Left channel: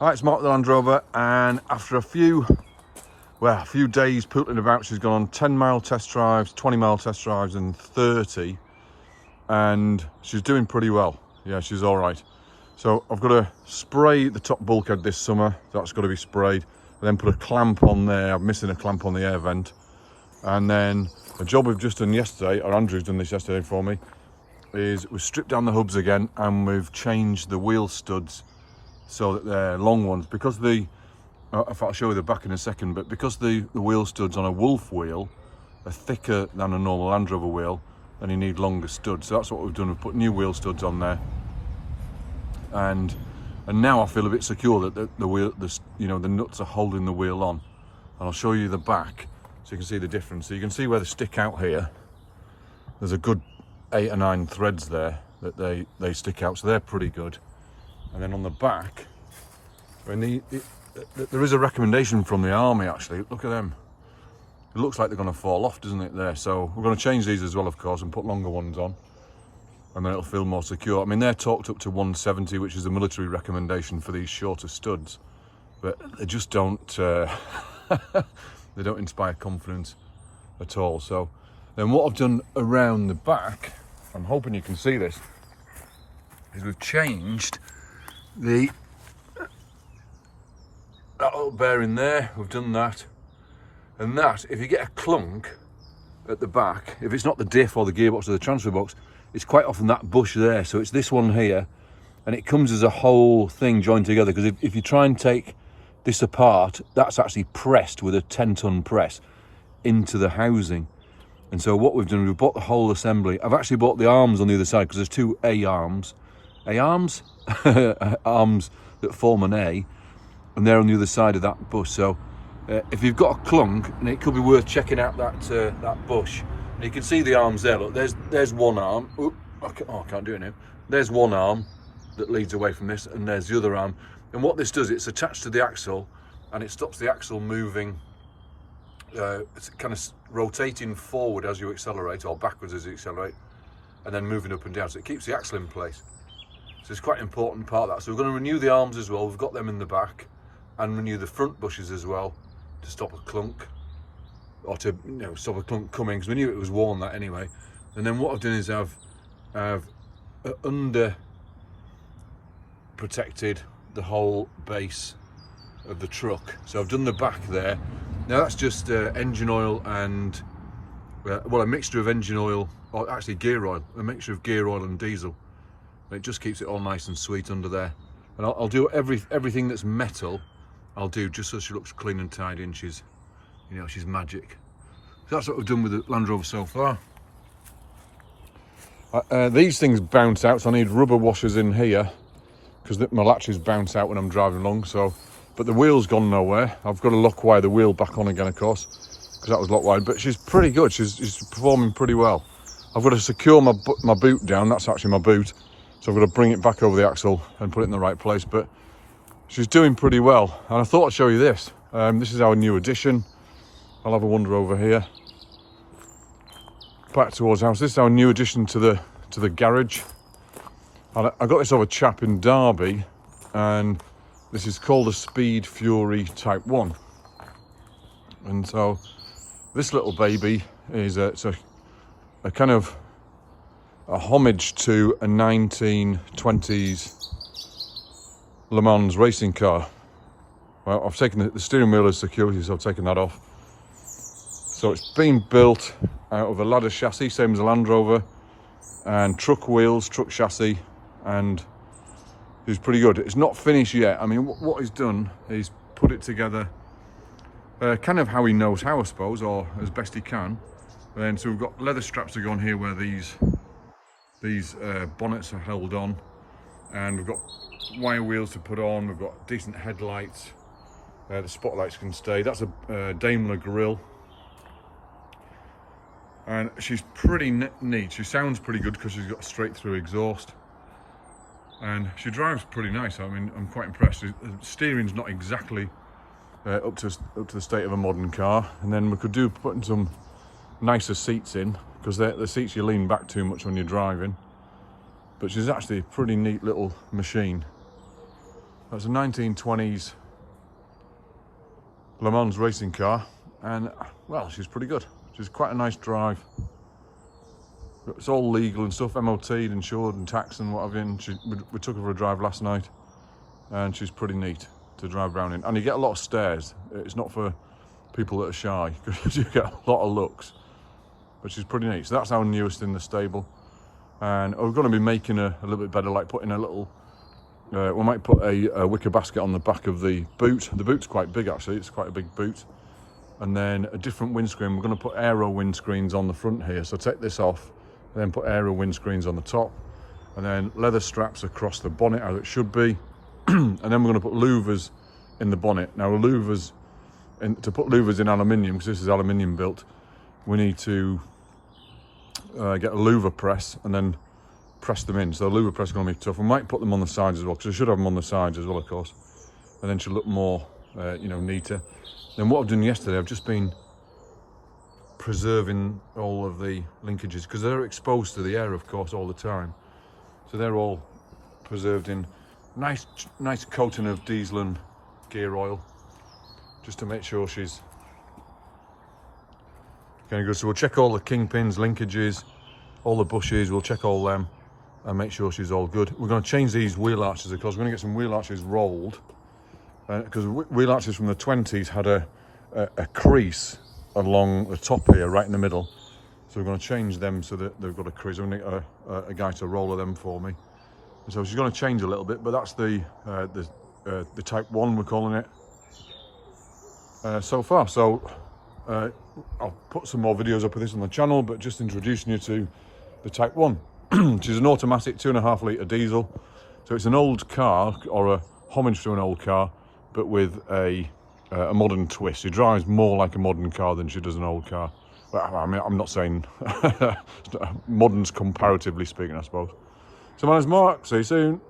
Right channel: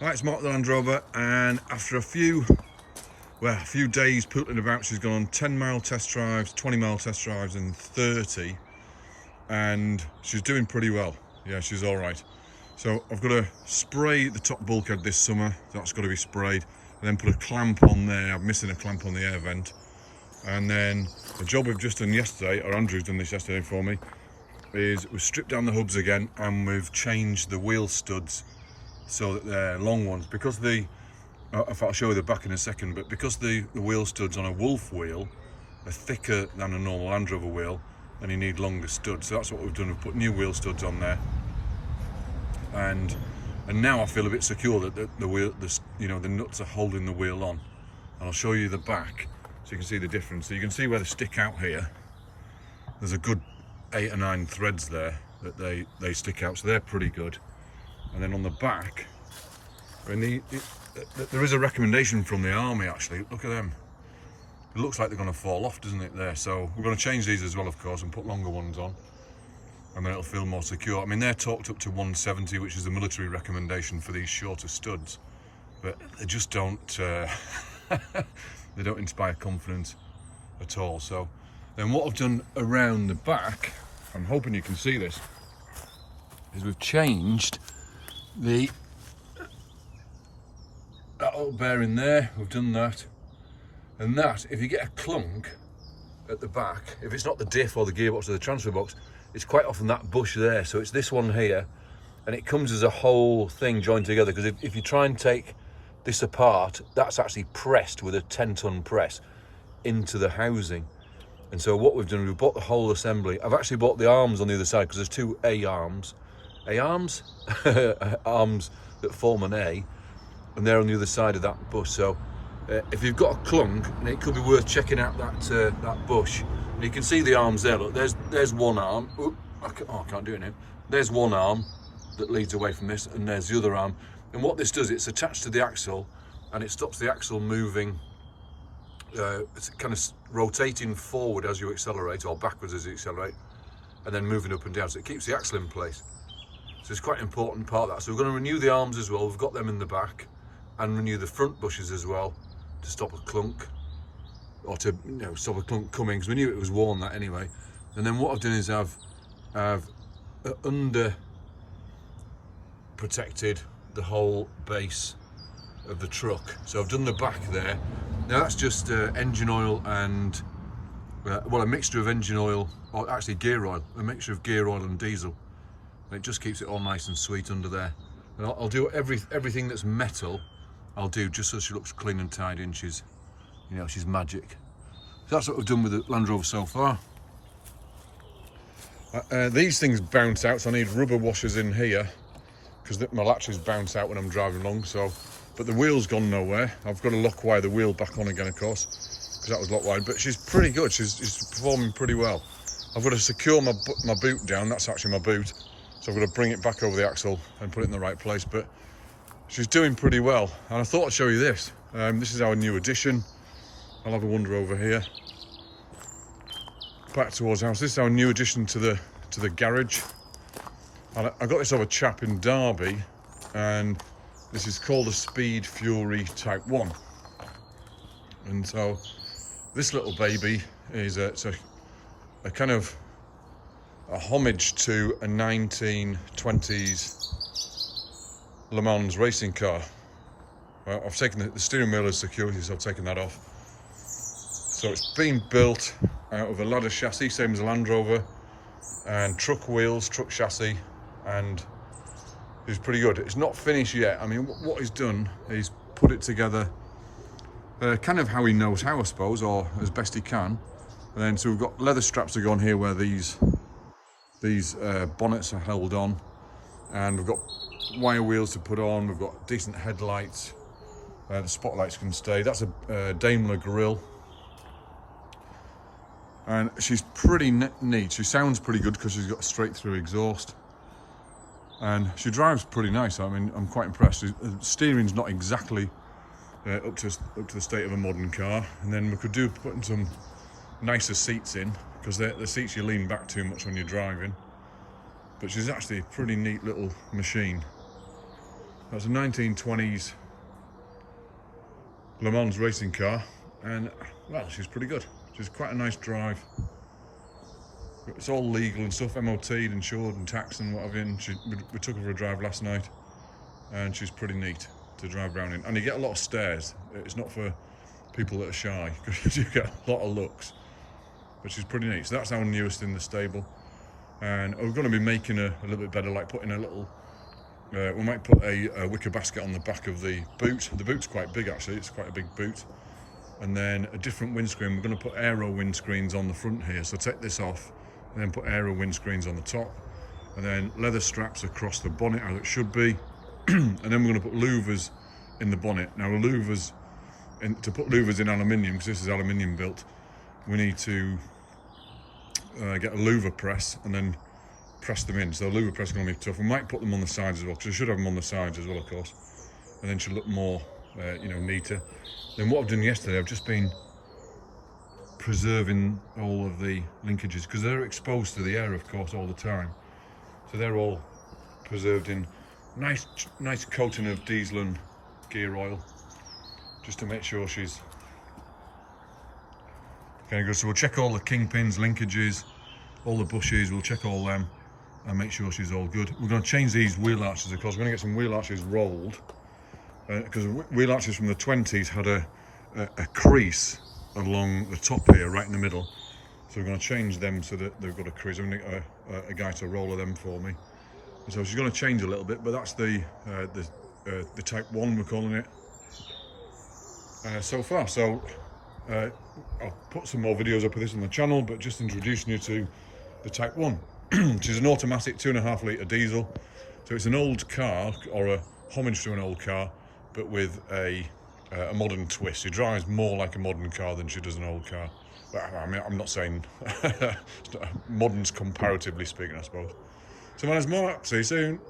Hi, it's Mark the Land Rover, and after a few days pootling about, she's gone on 10-mile test drives, 20-mile test drives and 30, and she's doing pretty well. Yeah, she's all right. So I've got to spray the top bulkhead this summer. That's got to be sprayed, and then put a clamp on there. I'm missing a clamp on the air vent. And then the job we've just done yesterday, or Andrew's done this yesterday for me, is we've stripped down the hubs again and we've changed the wheel studs so that they're long ones. Because I'll show you the back in a second, but because the wheel studs on a Wolf wheel are thicker than a normal Land Rover wheel, then you need longer studs. So that's what we've done. We've put new wheel studs on there, and now I feel a bit secure that the nuts are holding the wheel on. And I'll show you the back so you can see the difference. So you can see where they stick out here. There's a good 8 or 9 threads there that they stick out, so they're pretty good. And then on the back, there is a recommendation from the army actually. Look at them. It looks like they're going to fall off, doesn't it, there? So we're going to change these as well, of course, and put longer ones on, and then it'll feel more secure. I mean, they're torqued up to 170, which is the military recommendation for these shorter studs, but they just don't they don't inspire confidence at all. So then what I've done around the back, I'm hoping you can see this, is we've changed that little bearing there. We've done that, and that, if you get a clunk at the back, if it's not the diff or the gearbox or the transfer box, it's quite often that bush there. So it's this one here, and it comes as a whole thing joined together, because if you try and take this apart, that's actually pressed with a 10-ton press into the housing. And so what we've done, we've bought the whole assembly. I've actually bought the arms on the other side, because there's two arms arms that form an A, and they're on the other side of that bush. So if you've got a clunk, and it could be worth checking out that bush. And you can see the arms there. Look, there's one arm. Oop, I can't do it now. There's one arm that leads away from this, and there's the other arm. And what this does, it's attached to the axle, and it stops the axle moving. It's kind of rotating forward as you accelerate, or backwards as you accelerate, and then moving up and down. So it keeps the axle in place. So it's quite an important part of that. So we're going to renew the arms as well. We've got them in the back, and renew the front bushes as well to stop a clunk, or to stop a clunk coming, because we knew it was worn that anyway. And then what I've done is I've under protected the whole base of the truck. So I've done the back there. Now that's just engine oil and a mixture of engine oil, or actually gear oil, a mixture of gear oil and diesel. And it just keeps it all nice and sweet under there. And I'll do everything that's metal, I'll do just so she looks clean and tidy, and she's magic. So that's what we've done with the Land Rover so far. These things bounce out, so I need rubber washers in here, because my latches bounce out when I'm driving along. So, but the wheel's gone nowhere. I've got to lock wire the wheel back on again, of course, because that was lock wired. But she's pretty good. She's performing pretty well. I've got to secure my boot down. That's actually my boot. So I've got to bring it back over the axle and put it in the right place. But she's doing pretty well. And I thought I'd show you this. This is our new addition. I'll have a wander over here, back towards the house. This is our new addition to the garage. And I got this off a chap in Derby, and this is called a Speed Fury Type 1. And so this little baby is a kind of a homage to a 1920s Le Mans racing car. Well, I've taken the steering wheel as security, so I've taken that off. So it's been built out of a ladder chassis, same as a Land Rover, and truck wheels, truck chassis, and it's pretty good. It's not finished yet. I mean, what he's done is put it together kind of how he knows how, I suppose, or as best he can. And then so we've got leather straps to go on here where these bonnets are held on, and we've got wire wheels to put on. We've got decent headlights. The spotlights can stay. That's a Daimler grille. And she's pretty neat. She sounds pretty good because she's got a straight through exhaust, and she drives pretty nice. I mean, I'm quite impressed. The steering's not exactly up to the state of a modern car, and then we could do putting some nicer seats in, because the seats you lean back too much when you're driving. But she's actually a pretty neat little machine. That's a 1920s Le Mans racing car, and well, she's pretty good. She's quite a nice drive. It's all legal and stuff, MOT'd, insured and taxed and what have you. And we took her for a drive last night, and she's pretty neat to drive around in. And you get a lot of stares. It's not for people that are shy, because you get a lot of looks. But she's pretty neat. So that's our newest in the stable. And we're going to be making her a little bit better, like putting a little, we might put a wicker basket on the back of the boot. The boot's quite big actually, it's quite a big boot. And then a different windscreen. We're going to put aero windscreens on the front here. So take this off, then put aero windscreens on the top, and then leather straps across the bonnet as it should be. And then we're going to put louvers in the bonnet. Now louvers, to put louvers in aluminium, because this is aluminium built, we need to get a louver press and then press them in. So the louver press is going to be tough. We might put them on the sides as well, because I should have them on the sides as well, of course. And then she'll look more, you know, neater. Then what I've done yesterday, I've just been preserving all of the linkages, because they're exposed to the air, of course, all the time. So they're all preserved in nice coating of diesel and gear oil, just to make sure she's kind of good. So we'll check all the kingpins, linkages, all the bushes, we'll check all them and make sure she's all good. We're going to change these wheel arches, of course. We're going to get some wheel arches rolled, because wheel arches from the 20s had a crease along the top here, right in the middle. So we're going to change them so that they've got a crease. I'm going to get a guy to roller them for me. So she's going to change a little bit, but that's the Type 1, we're calling it, so far. So I'll put some more videos up of this on the channel, but just introducing you to the Type 1. She's an automatic 2.5 litre diesel. So it's an old car, or a homage to an old car, but with a modern twist. She drives more like a modern car than she does an old car. Well, I mean, I'm not saying modern's comparatively speaking, I suppose. So my name's Mark, see you soon.